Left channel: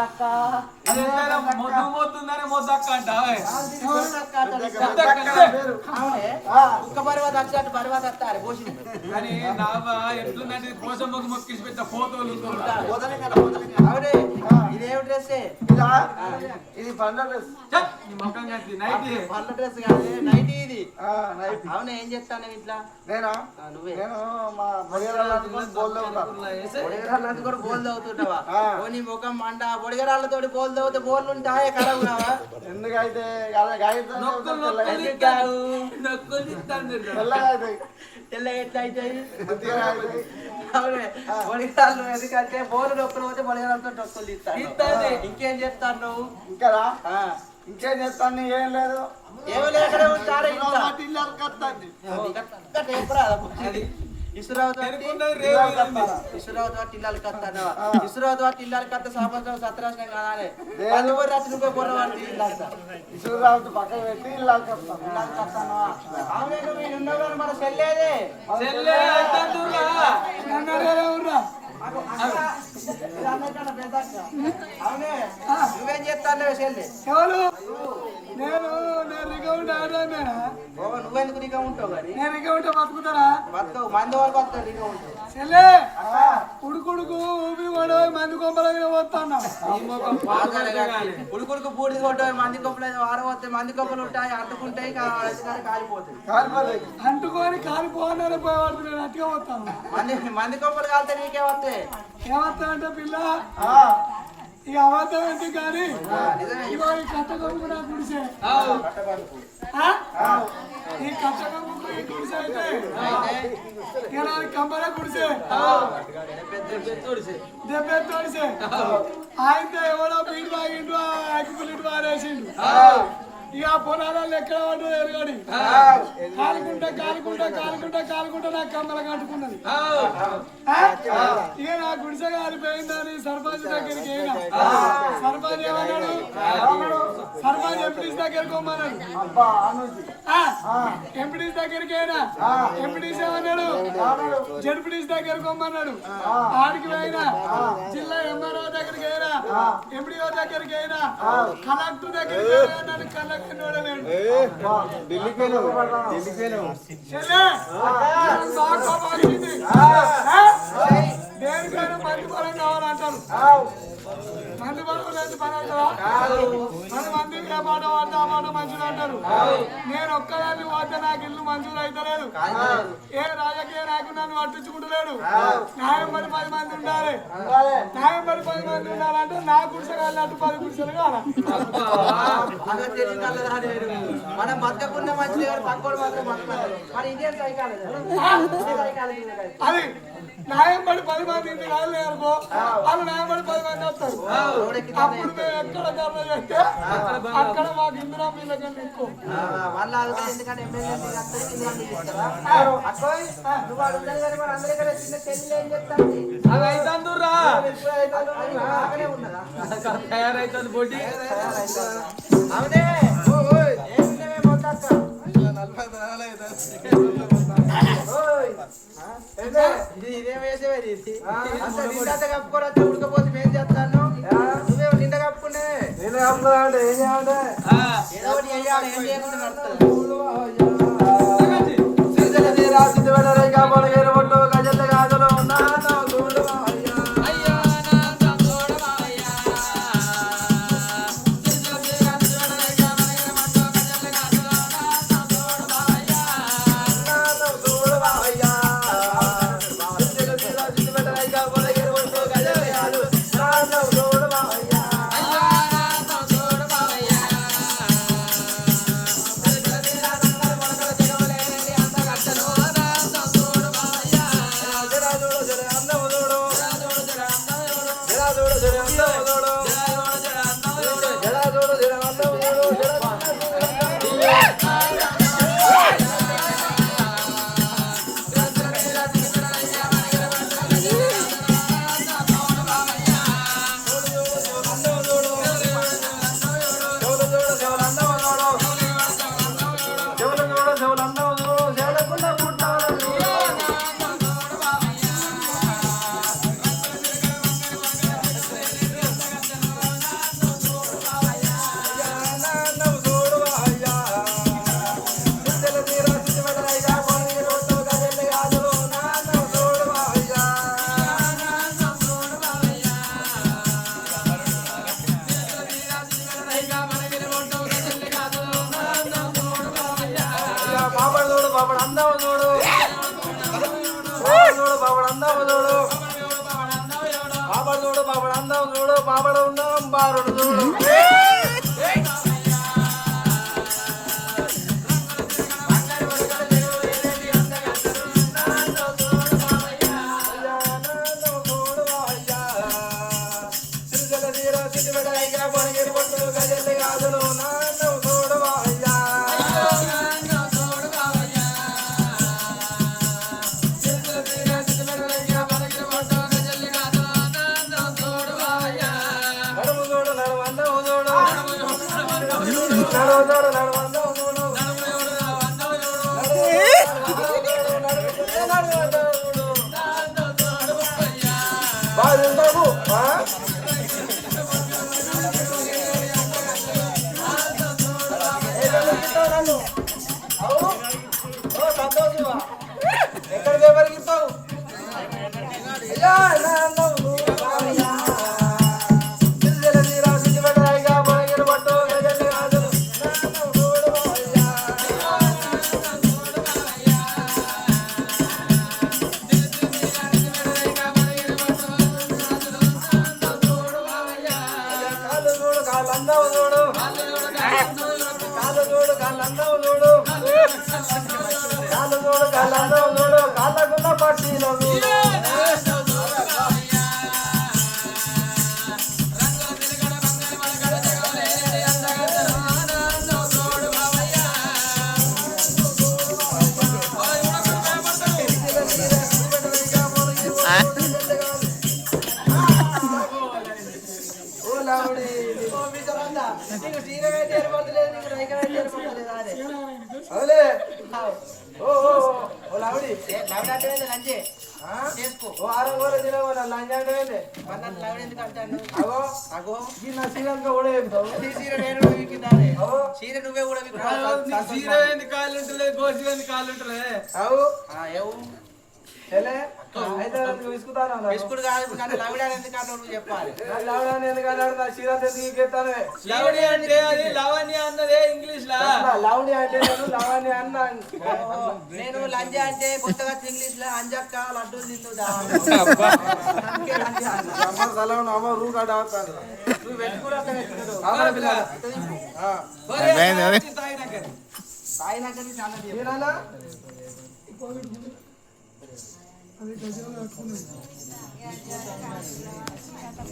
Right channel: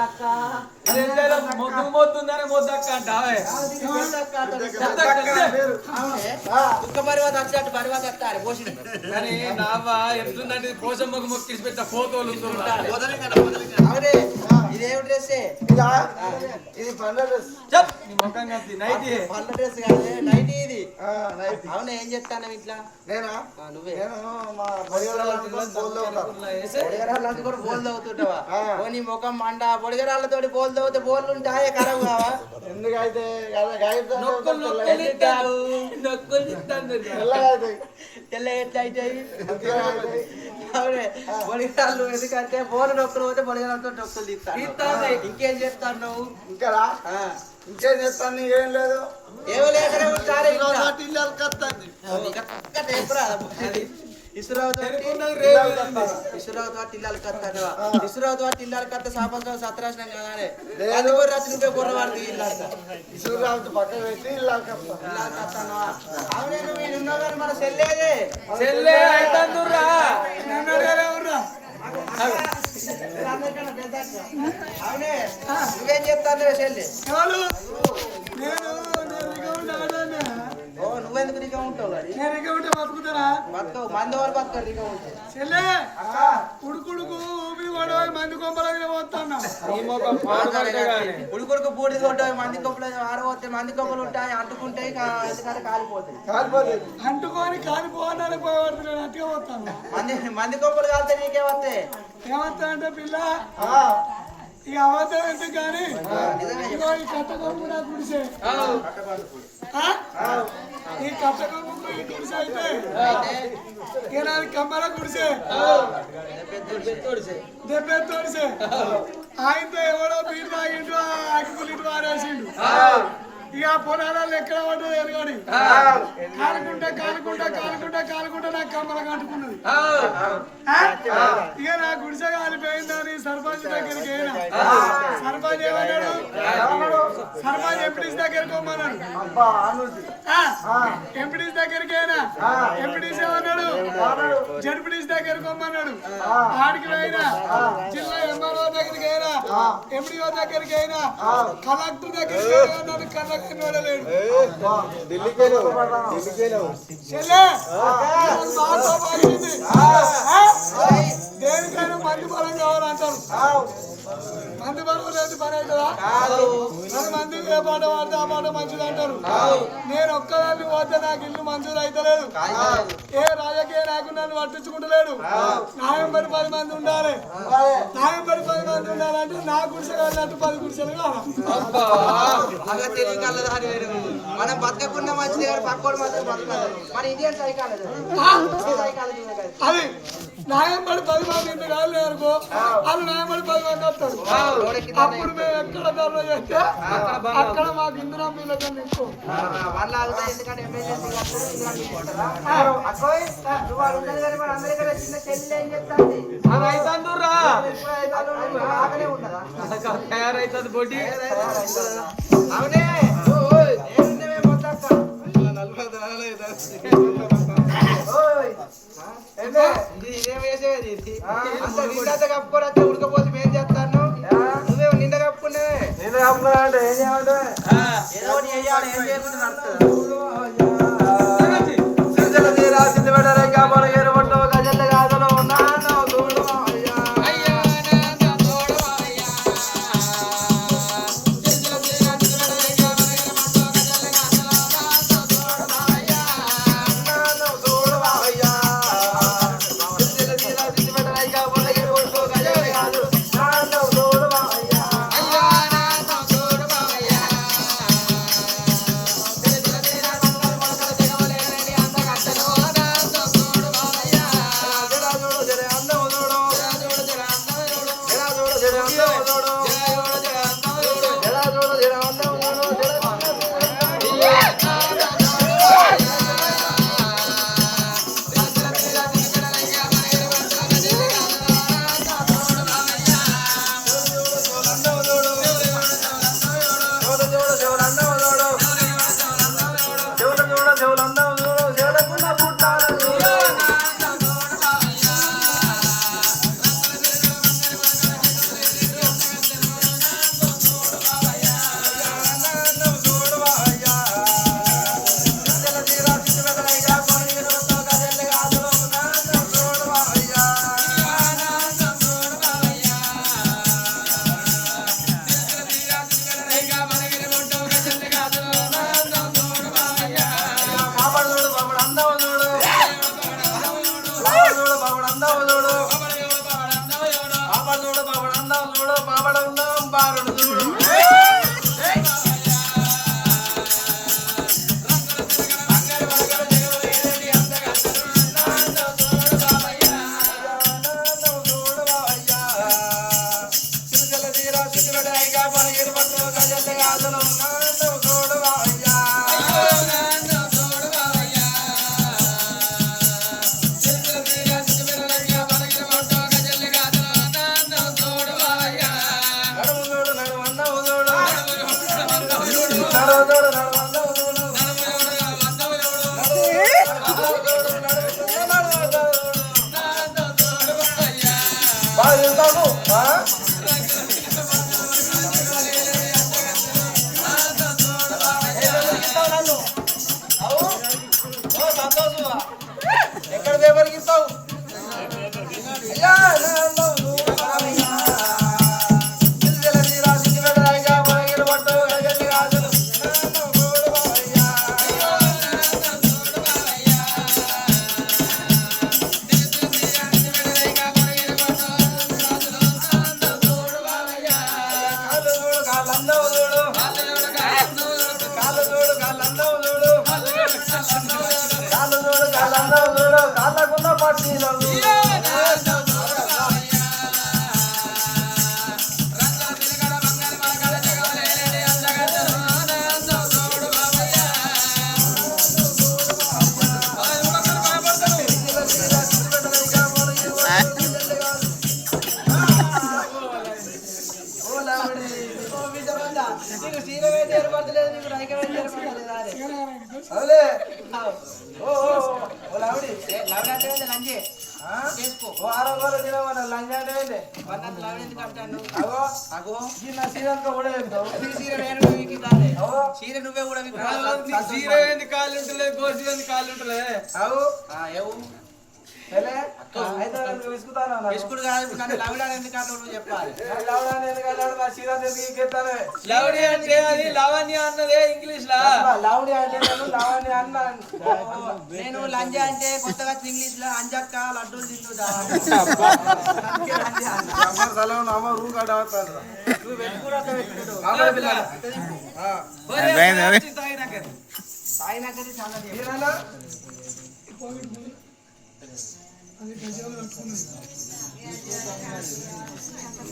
మొద్దు మొద్దుందని మొద్దక్క అంటావే అని నావా ఎట్లుందంటే పోసమ్మకు మొక్కిసి పెట్ట ఫోటోలు ఇదేమి డ్రెస్ ఇది పండ్ల డ్రెస్ మొక్కం కత్తి నైటీ పండ్ల డ్రెస్ కాదు నైటీ ఇది అవును ఏం చెప్తాను ఇట్లా నేనా నువ్వే కూడా బోల్ తవ్వుతుంటావా నీ ముఖం మండ బొడిగరాళ్ళతో బోల్ తవ్వుతే బోర్లు ఉంటాయే కరం కావా ఎందుకైతే తెల్ల ఎట్లా అవుతాయి అవునే బొడిగరాళ్ళు ఎందుకంటే బోర్లు నొక్కలు పోతే బొడిగరాలతో నొక్కలు తీస్తాను ఇంకేం చెప్తాను నువ్వు ఇంకా ఇంకేం చెప్తాను ఏం లేదు ఇసురావుతో ఇల్లాలు కత్తానవా ఇసురావుతో ఇల్లాలు కత్త సాపంతో సత్రాసనం కాదానే అందుకొని రాత్రి నువ్వే గుర్రవాడికి ఇసురావుతో పక్కన పెట్టి ఇల్లాలు కత్తానవా అవునే మీరు ఉన్నారు మన చెల్లేదే అవునే నువ్వేం చెప్తాను చెల్లి నువ్వెందుకు నీగా ఉంటావు బతుకవు మంది వాళ్ళు బతుకు నీగా ఉంటావు ఉడుకుడుకు ఊపి పడవ మంది కొంపలకి పోతాను ఉడుకుడుకు బూడి కొట్టారు మంది కొంపలు ఆరవస్తాయి మంది కొంపలు ఉంటాయి అంటుకుంటాయి కాలిపోతాయి అంటుకొని కాలిపోవాలని బాగుపడుతున్నాడు అట్టుగా పోతాను మంది కొంపలు కాలితే నీకే వస్తాయి ఏమవుతా అంటే పిల్ల ఇక అవతారం అంటే కానీ ఈ కట్టకం కూడా గుడిసే ఈ కట్టకం గుడిసే అయితే కమ్మల గుడిసే దెబ్బే తోడిసే ఆయనతో ఎవడో బీడు తాగిండు అగ్గిపుల్లింటి మారేసిండు ఇక పొలాలలో ఎక్కడ పడ్డో ఎరగడి కాలుకుంటా నాకు కమ్మల కట్టుకున్నది ఇక నా గుడిసె కాలిపోయిందని సర్పంచ్ దగ్గరికి సర్పంచ్ ఏమన్నాడు సర్పంచ్ ఎంపీడీస్ దగ్గరికి పోమన్నాడు ఎంపీడీస్ దగ్గరికి అయినా ఎంపీడీస్ ఏమన్నాడు జడ్పీడీస్ దగ్గరికి పోమన్నాడు ఆడికి అయినా జిల్లా ఎంఆర్ఓ దగ్గరికి అయినా ఎంపీడీఓ దగ్గరికి అయినా కలెక్టర్ దగ్గరికి అయినా దేనికైనా మంది బలం కావాలంటారు మంది బలం రేటు పని అవుతుందా మంది ఏ పాట వాడితే ఆ పాట మంచిది అంటారు నేను ఒక్కదాన్ని పోతే నాకు ఇల్లు మంచిది అయితలేదు ఏ రాజకీయ నాయకుడు నన్ను పట్టించుకుంటలేడు న్యాయం పడి 10 మంది ఉండాలి న్యాయం పడి 10 మంది ఉండాలంటే నా గుడిసె కావాలంటే 10 గుడిసెలు కావాలి మనం బతకకుండా మంచిది పక్కోడు మాత్రం బతకాలి మరి ఇండియన్ సైకాలజీ అది న్యాయం పడి 10 మంది రాలేదు అనుకో వాళ్ళు న్యాయం పడి 10 మంది వస్తారు అప్పుడు మేము ఎక్కడ ధర్మ చేస్తే అక్కడ మాకు ఇందిరా మీలో కన్నా ఎక్కువ ఎందుకంటే ఎమ్మెల్యే చిన్న చెల్లి ఏం తయారైతుంది బొడ్డి అవునే ఇదేం వేసేది అంత నిండా కప్పుకోరు ఉడకపోతే మేం చేస్తాను నువ్వేమో నిండా కప్పుకున్నావే ఏదో ఏం చేయకుండా నడుతుంది పాపడ ఉందాం బారుడు చూడు ఎక్కడ దేవరికిస్తావు చీర నువ్వే కూడా చీర ఏంది కాళ్ళు ఉంటలే గోసి ఏంది కాళ్ళు ఉంటలే బిస్కుట్ కాదు నన్ను లవడా ఎందుకు నువ్వు చెప్పాలి లవణి అంటే అది లావణ్య అన్నదే ఇంగ్లీష్ లా లావుడి అంటే నేను లావణ్య అన్నాను నేను లంజ అంటే కొత్తగా ఇంగ్లీష్ లో అంజక్క లడ్డూలు తింటూ అమ్మ రూ కాడ అవుతాను నువ్వు పెట్టుకురా తాగినాకది చాలా అది గజాలు కట్టుకున్నది